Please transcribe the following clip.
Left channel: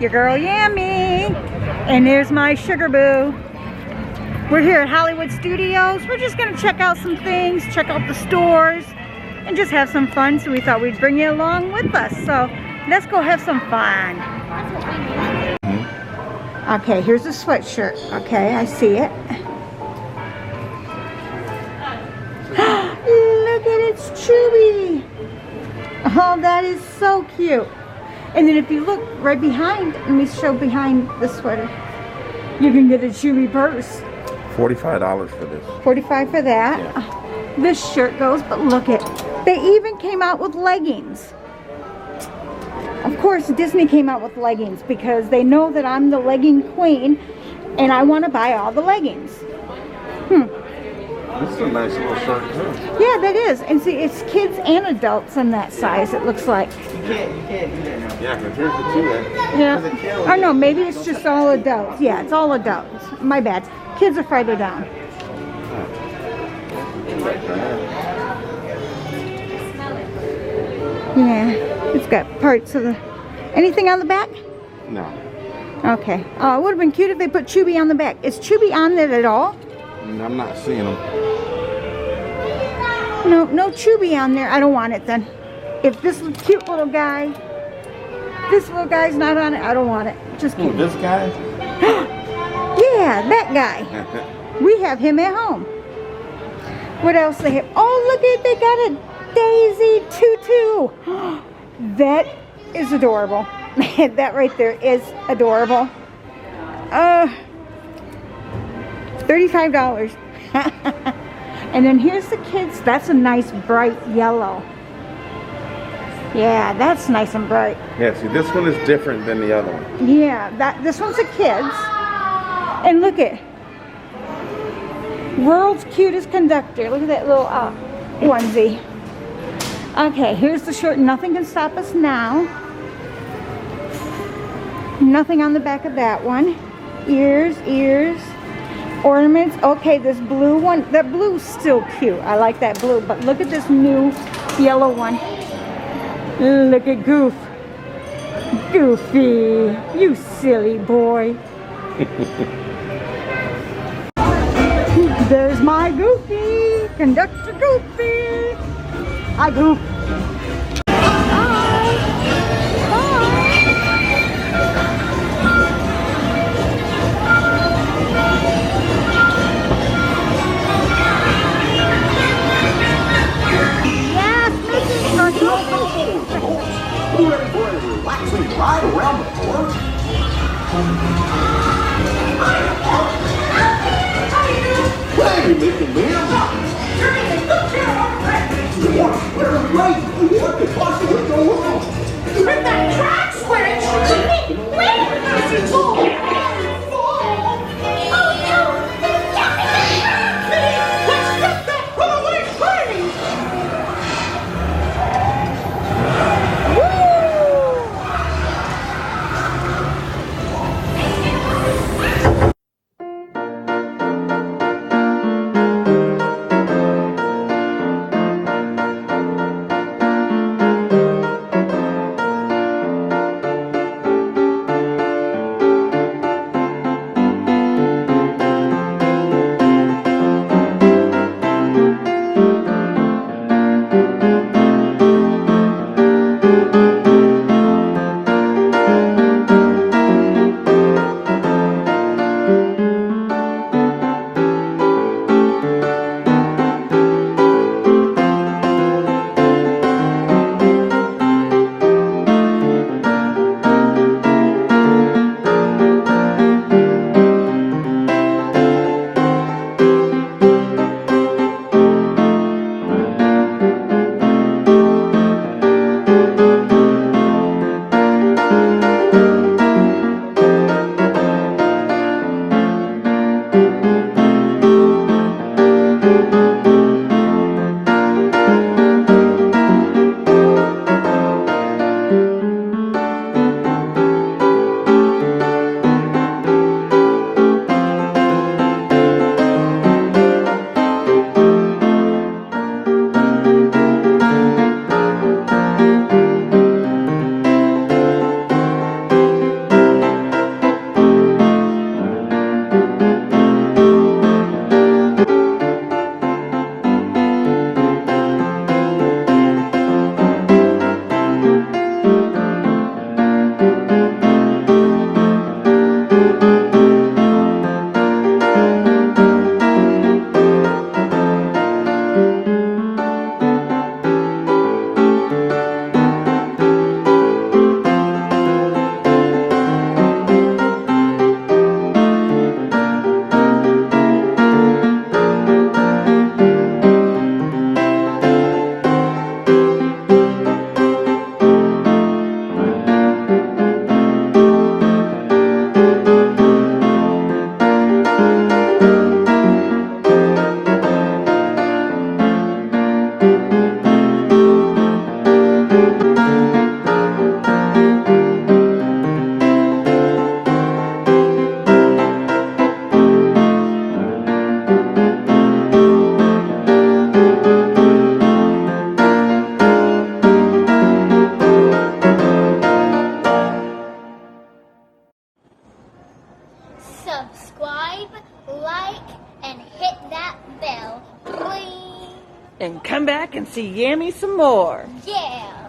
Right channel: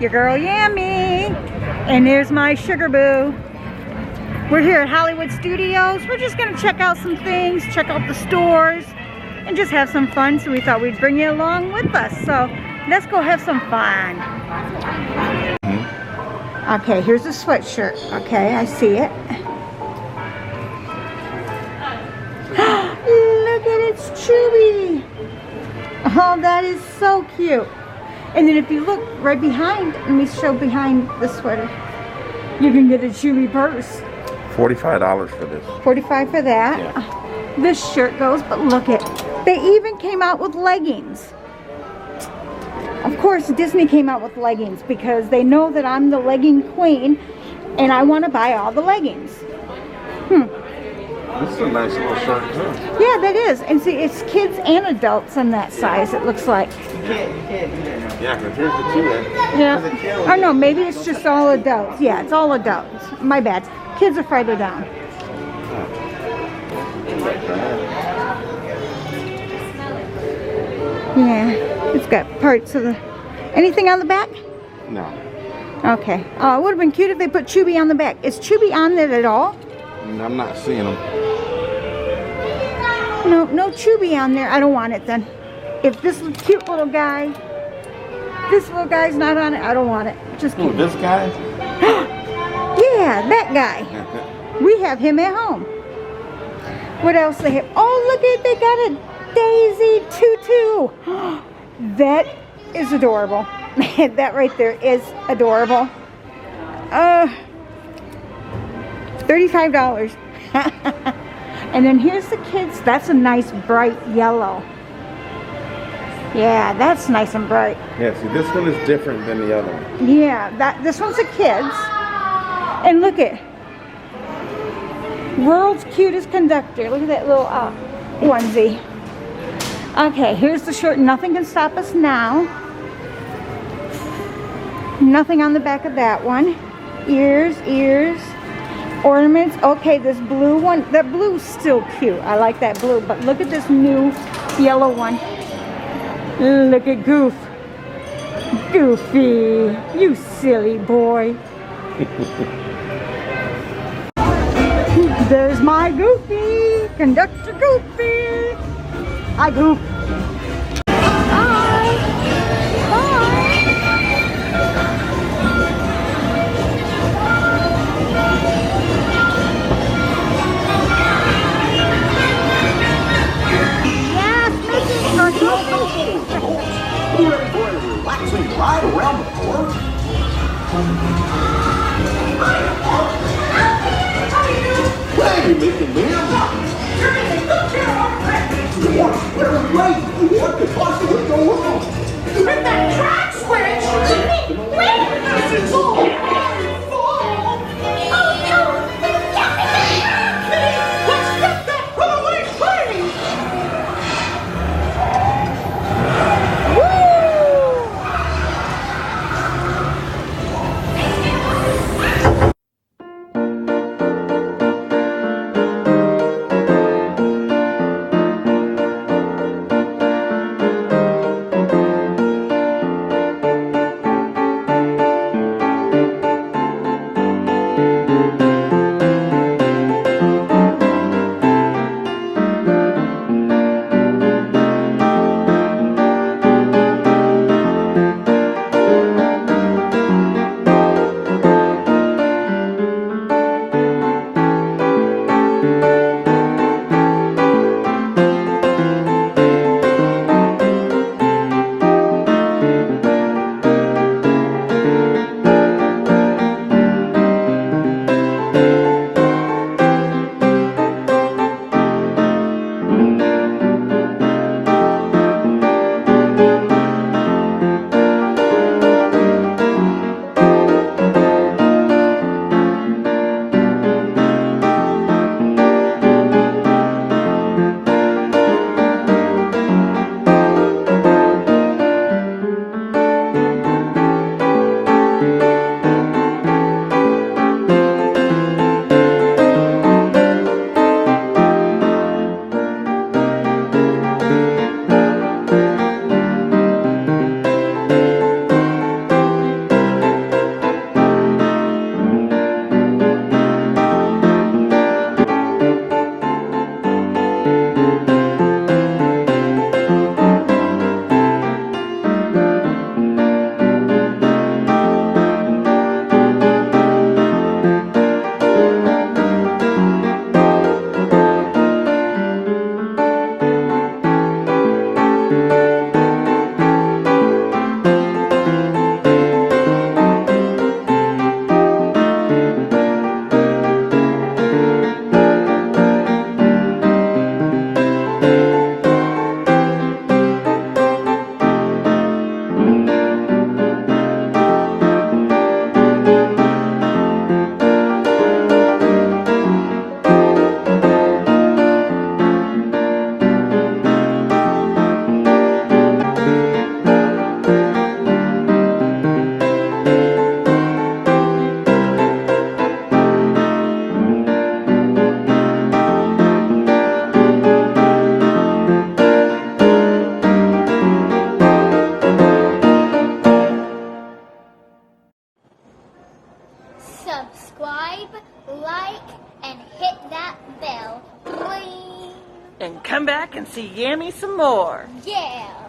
your girl Yummy, and there's my sugar boo. We're here at Hollywood Studios. We're just gonna check out some things, check out the stores, and just have some fun. So we thought we'd bring you along with us. So let's go have some fun. Okay, here's a sweatshirt. Okay, I see it. Look at it, it's Chewy. Oh, that is so cute. And then if you look right behind, let me show behind the sweater. You can get a Chewy purse. $45 for this. $45 for that. Yeah. This shirt goes, but look at, they even came out with leggings. Of course, Disney came out with leggings because they know that I'm the legging queen and I want to buy all the leggings. This is a nice little shirt too. Yeah, that is. And see, it's kids and adults in that size, it looks like. You can't do that. Yeah, because here's the two there. Yeah. Or no, maybe it's just all adults. Yeah, it's all adults. My bad. Kids are farther down. Yeah, it's got parts of the... Anything on the back? No. Okay. It would have been cute if they put Chewy on the back. Is Chewy on it at all? I'm not seeing them. No Chewy on there. I don't want it then. If this cute little guy, this little guy's not on it, I don't want it. Just kidding. Ooh, this guy? Yeah, that guy. We have him at home. What else they have? Oh, look at, they got a Daisy tutu. That is adorable. That right there is adorable. $35. And then here's the kids. That's a nice bright yellow. Yeah, that's nice and bright. Yeah, see, this one is different than the other one. Yeah, this one's a kids. And look at world's cutest conductor. Look at that little onesie. Okay, here's the shirt. Nothing can stop us now. Nothing on the back of that one. Ears. Ornaments. Okay, this blue one. That blue's still cute. I like that blue. But look at this new yellow one. Look at Goof. Goofy. You silly boy. There's my Goofy. Conductor Goofy. Hi, Goof. Ride around the park. Hey, Mickey Man. We're late. What could possibly go wrong? With that track switch! This is all my fault! Oh no! Get me back! Let's get that runaway train! subscribe, like, and hit that bell. Bling. And come back and see Yammy some more. Yeah.